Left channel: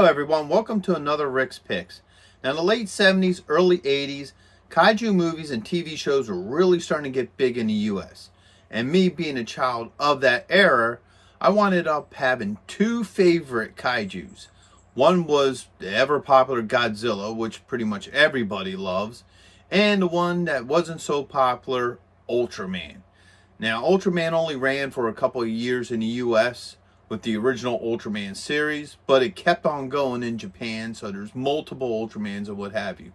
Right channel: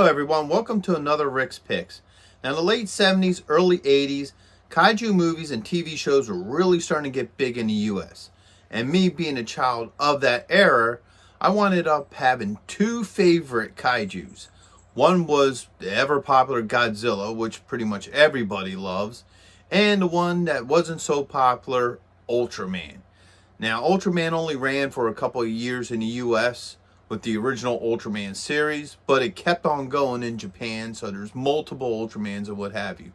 Hello everyone, welcome to another Rick's Picks. Now in the late 70s, early 80s, kaiju movies and TV shows were really starting to get big in the US. And me being a child of that era, I wound up having two favorite kaijus. One was the ever popular Godzilla, which pretty much everybody loves, and the one that wasn't so popular, Ultraman. Now Ultraman only ran for a couple of years in the US with the original Ultraman series, but it kept on going in Japan, so there's multiple Ultramans and what have you.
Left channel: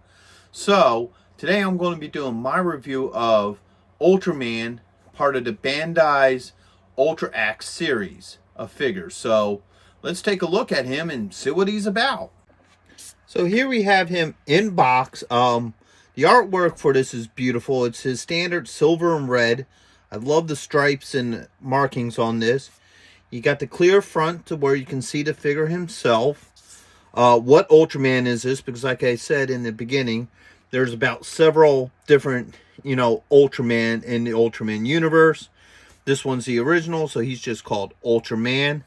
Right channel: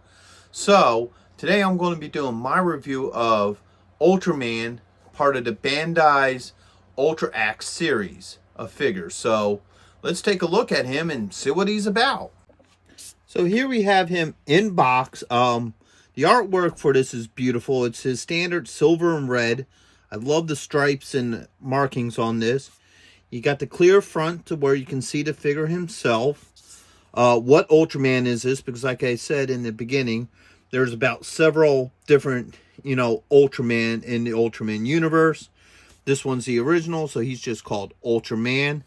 So today I'm going to be doing my review of Ultraman, part of the Bandai's Ultra Axe series of figures. So let's take a look at him and see what he's about. So here we have him in box. The artwork for this is beautiful. It's his standard silver and red. I love the stripes and markings on this. You got the clear front to where you can see the figure himself. What Ultraman is this? Because like I said in the beginning, there's about several different, Ultraman in the Ultraman universe. This one's the original, so he's just called Ultraman.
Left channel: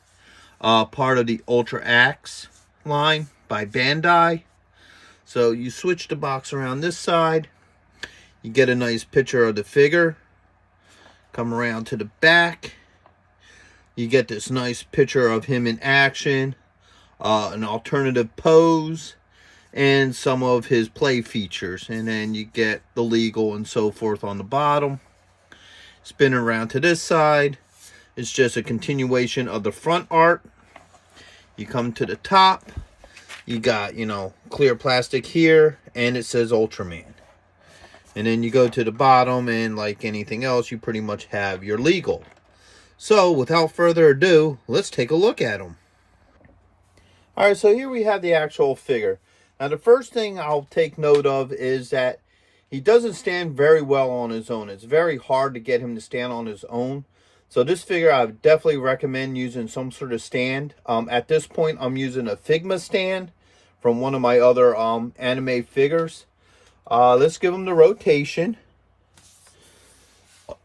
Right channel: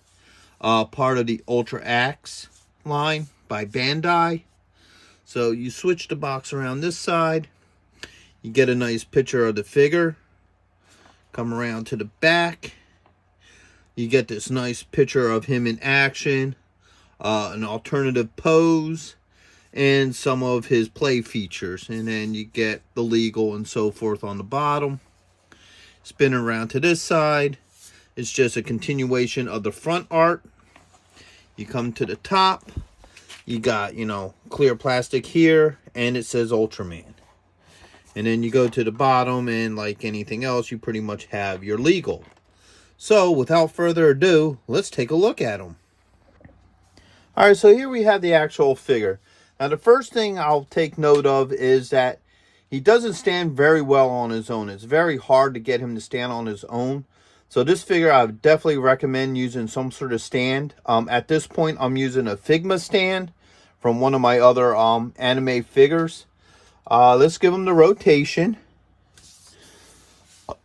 Part of the Ultra Axe line by Bandai. So you switch the box around this side. You get a nice picture of the figure. Come around to the back. You get this nice picture of him in action, an alternative pose, and some of his play features. And then you get the legal and so forth on the bottom. Spin around to this side. It's just a continuation of the front art. You come to the top. You got, clear plastic here, and it says Ultraman. And then you go to the bottom, and like anything else, you pretty much have your legal. So, without further ado, let's take a look at him. Alright, so here we have the actual figure. Now, the first thing I'll take note of is that he doesn't stand very well on his own. It's very hard to get him to stand on his own. So, this figure I would definitely recommend using some sort of stand. At this point, I'm using a Figma stand from one of my other anime figures. Let's give him the rotation.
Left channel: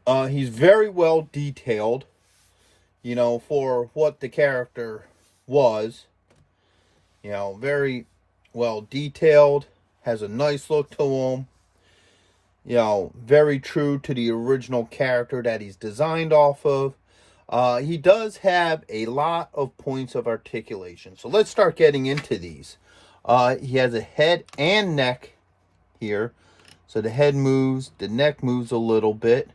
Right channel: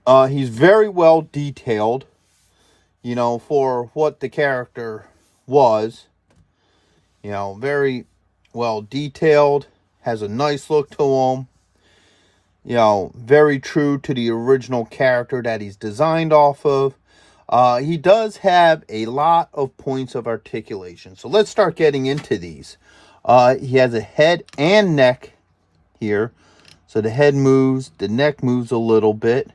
He's very well detailed. For what the character was, very well detailed, has a nice look to him, very true to the original character that he's designed off of. He does have a lot of points of articulation. So let's start getting into these. He has a head and neck here. So the head moves, the neck moves a little bit.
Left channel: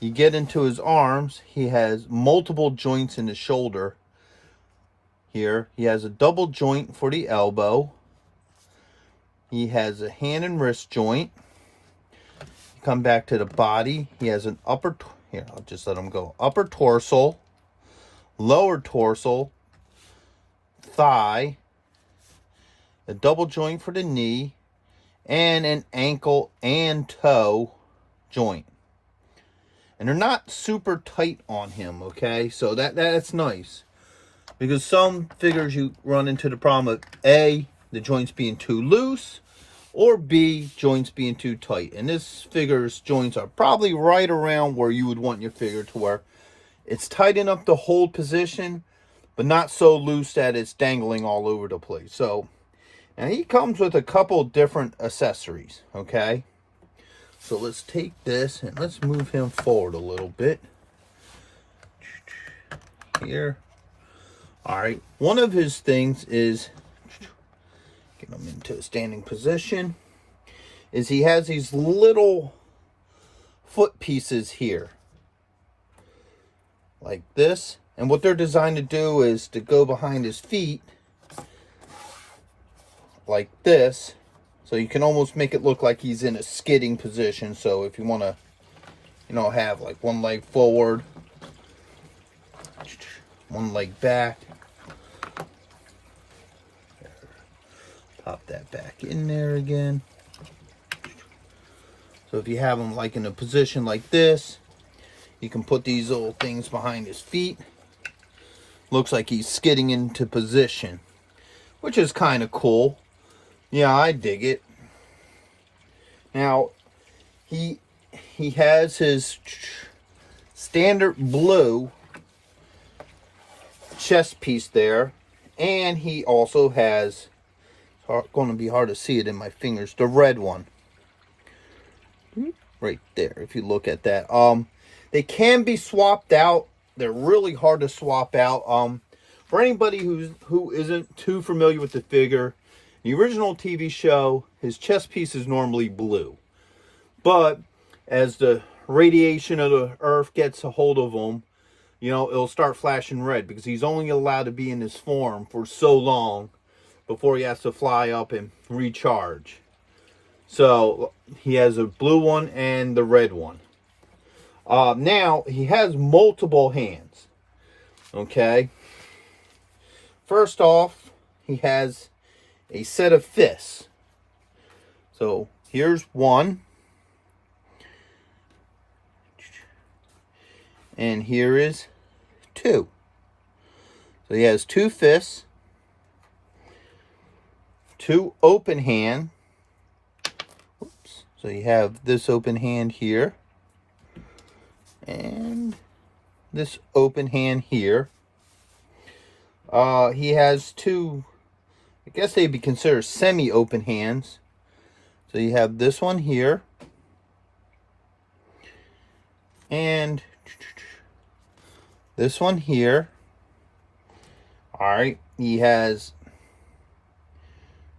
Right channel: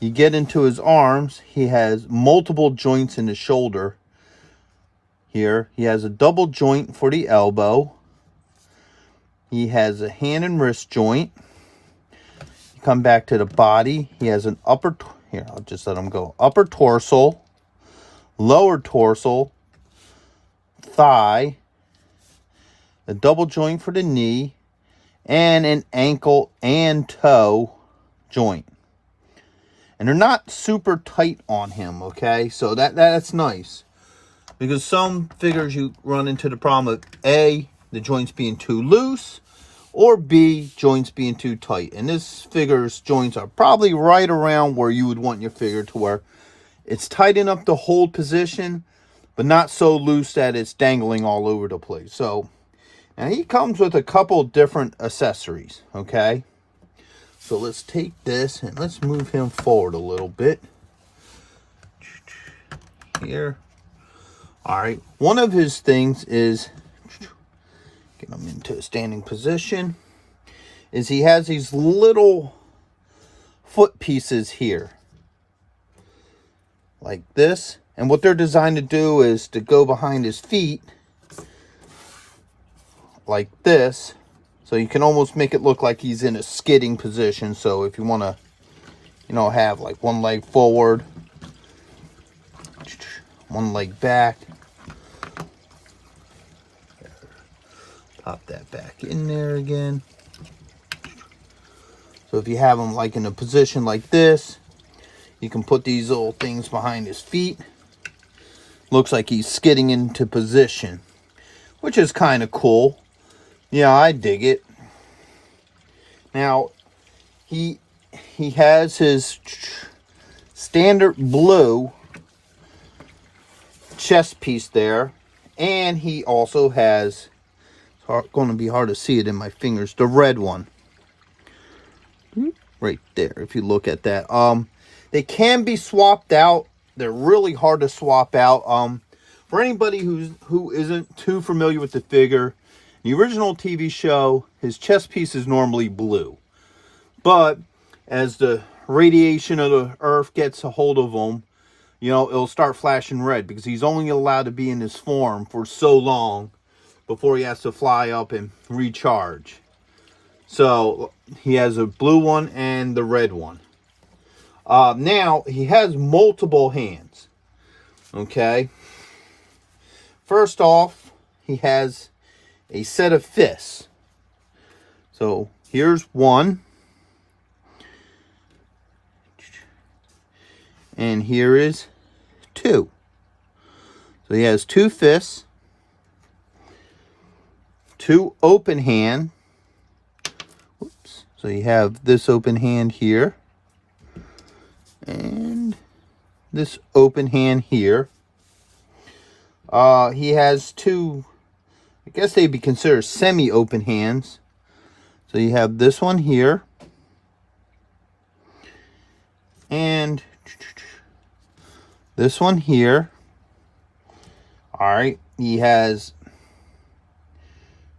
You get into his arms, he has multiple joints in the shoulder here. He has a double joint for the elbow. He has a hand and wrist joint. You come back to the body. He has an upper, here, I'll just let him go. Upper torso, lower torso, thigh, a double joint for the knee, and an ankle and toe joint. And they're not super tight on him, okay? So that's nice. Because some figures you run into the problem of A, the joints being too loose, or B, joints being too tight. And this figure's joints are probably right around where you would want your figure to where it's tight enough to hold position, but not so loose that it's dangling all over the place. So, and he comes with a couple different accessories, okay? So let's take this and let's move him forward a little bit. Here. Alright. One of his things is, get him into a standing position, is he has these little foot pieces here. Like this. And what they're designed to do is to go behind his feet. Like this. So you can almost make it look like he's in a skidding position. So if you want to, have like one leg forward, one leg back. Pop that back in there again. So if you have him like in a position like this, you can put these little things behind his feet. Looks like he's skidding into position, which is kind of cool. Yeah, I dig it. Now, he has his standard blue chest piece there. And he also has, it's going to be hard to see it in my fingers, the red one. Right there, if you look at that. They can be swapped out. They're really hard to swap out. For anybody who isn't too familiar with the figure, the original TV show, his chest piece is normally blue. But as the radiation of the earth gets a hold of him, you know, it'll start flashing red because he's only allowed to be in this form for so long before he has to fly up and recharge. So he has a blue one and the red one. Now he has multiple hands. Okay. First off, he has a set of fists. So here's one. And here is two. So he has two fists, two open hand. Oops. So you have this open hand here, and this open hand here. He has two, I guess they'd be considered semi-open hands. So you have this one here, and this one here. All right, he has,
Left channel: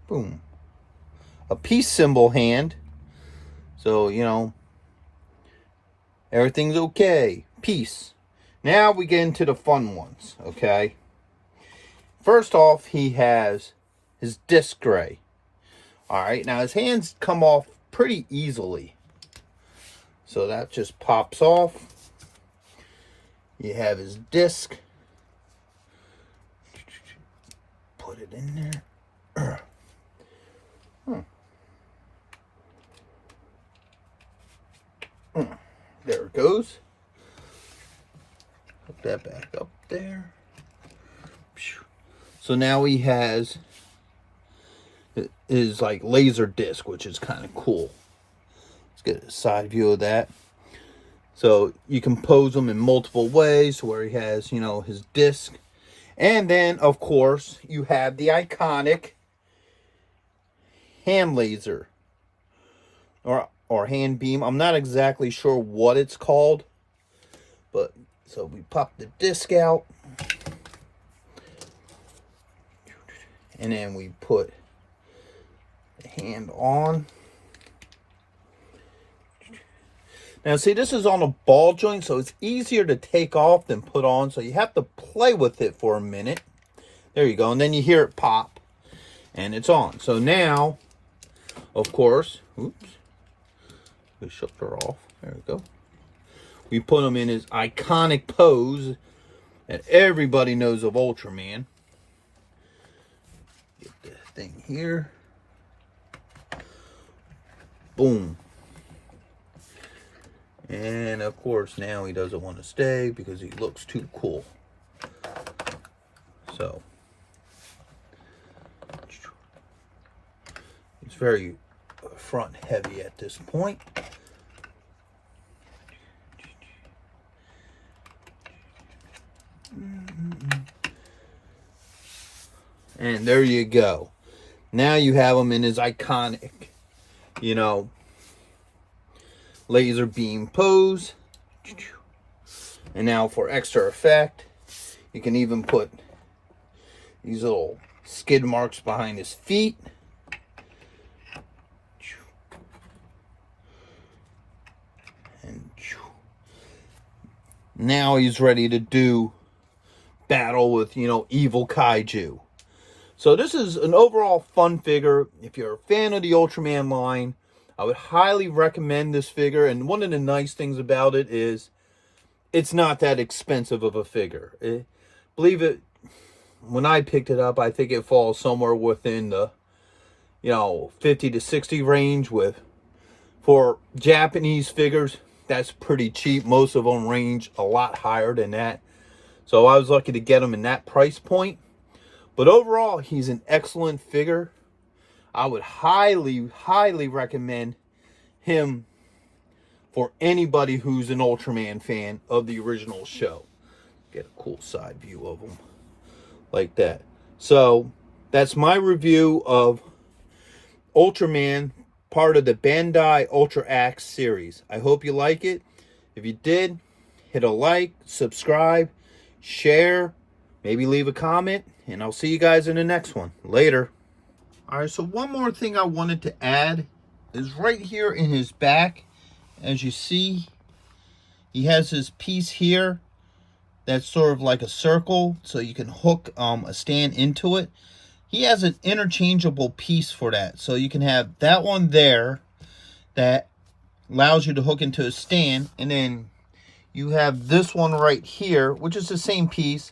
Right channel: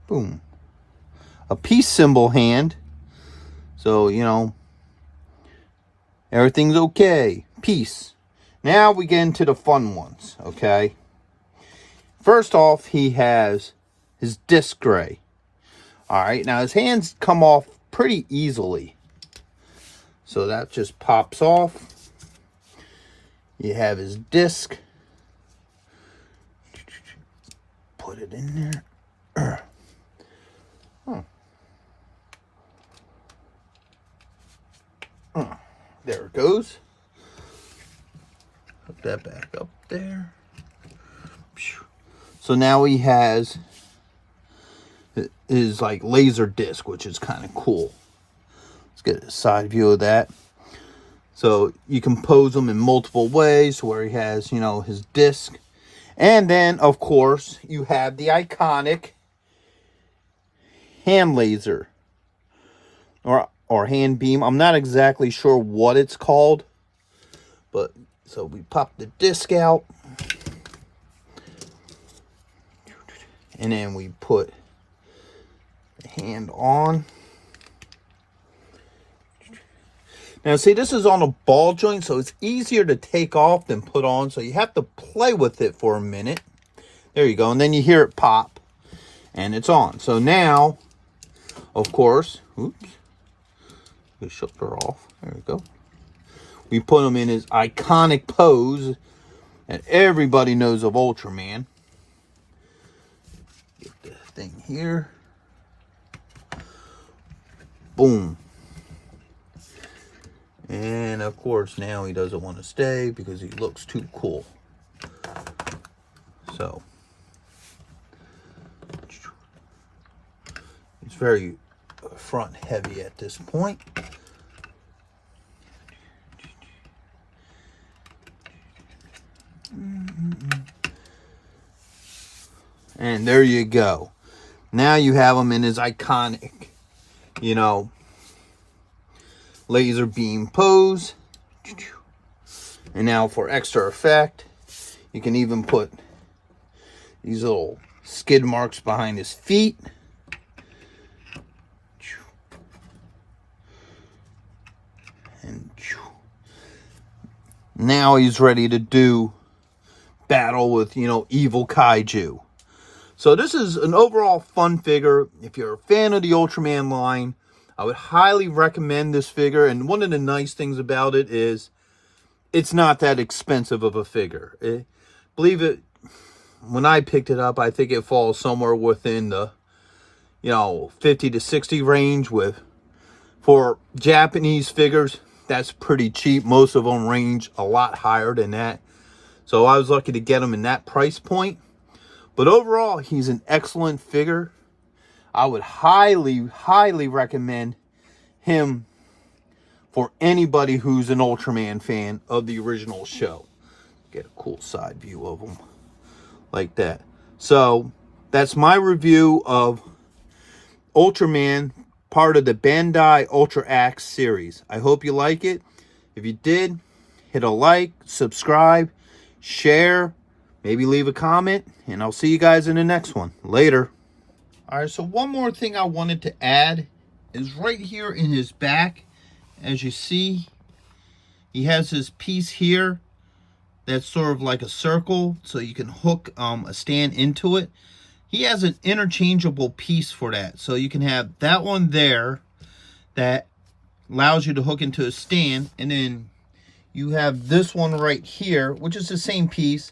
boom, a peace symbol hand. So, you know, everything's okay. Peace. Now we get into the fun ones, okay? First off, he has his disc gray. All right, now his hands come off pretty easily. So that just pops off. You have his disc. Put it in there. There it goes. Hook that back up there. So now he has his like laser disc, which is kind of cool. Let's get a side view of that. So you can pose them in multiple ways where he has, you know, his disc. And then, of course, you have the iconic hand laser or hand beam. I'm not exactly sure what it's called. But, so we pop the disc out. And then we put the hand on. Now, see, this is on a ball joint, so it's easier to take off than put on. So you have to play with it for a minute. There you go. And then you hear it pop. And it's on. So now, of course, oops. We shook her off. There we go. We put him in his iconic pose that everybody knows of Ultraman. Get this thing here. Boom. And of course now he doesn't want to stay because he looks too cool. So it's very front heavy at this point. And there you go. Now you have him in his iconic, you know, laser beam pose. And now for extra effect, you can even put these little skid marks behind his feet. And now he's ready to do battle with, you know, evil kaiju. So this is an overall fun figure. If you're a fan of the Ultraman line, I would highly recommend this figure. And one of the nice things about it is it's not that expensive of a figure. Believe it, when I picked it up, I think it falls somewhere within the, you know, 50 to 60 range. For Japanese figures, that's pretty cheap. Most of them range a lot higher than that. So I was lucky to get them in that price point. But overall, he's an excellent figure. I would highly, highly recommend him for anybody who's an Ultraman fan of the original show. Get a cool side view of him like that. So that's my review of Ultraman, part of the Bandai Ultra Axe series. I hope you like it. If you did, hit a like, subscribe, share, maybe leave a comment, and I'll see you guys in the next one. Later. All right, so one more thing I wanted to add is right here in his back. As you see, he has this piece here that's sort of like a circle, so you can hook a stand into it. He has an interchangeable piece for that. So you can have that one there that allows you to hook into a stand, and then you have this one right here, which is the same piece,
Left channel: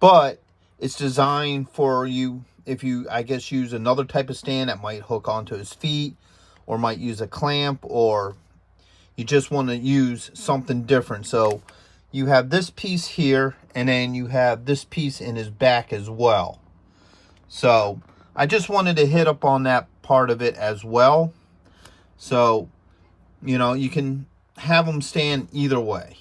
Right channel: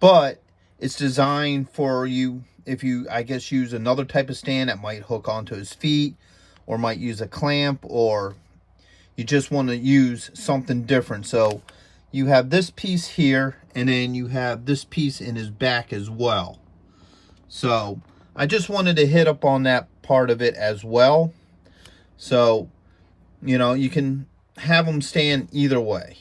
but it's designed for you if you, I guess, use another type of stand that might hook onto his feet, or might use a clamp, or you just want to use something different. So you have this piece here, and then you have this piece in his back as well. So I just wanted to hit up on that part of it as well. So, you know, you can have them stand either way.